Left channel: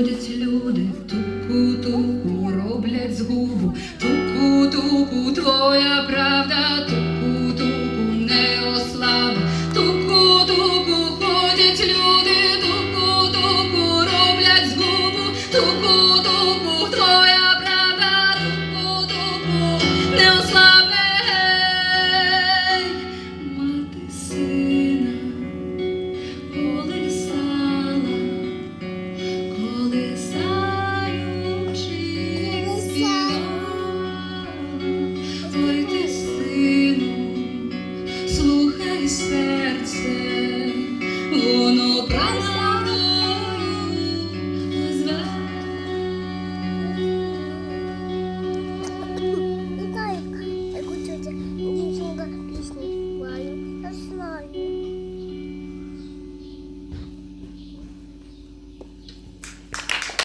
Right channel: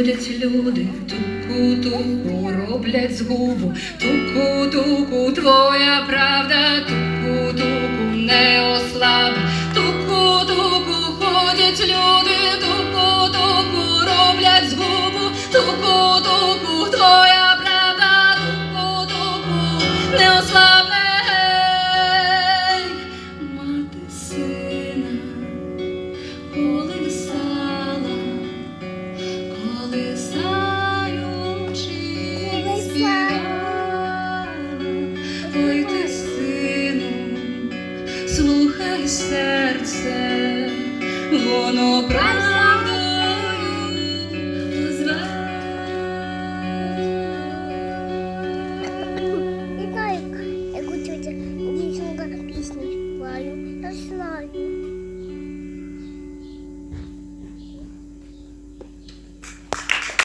Ходять люди, туку-туку роблять згубу, туку-туку твоя правда, serce.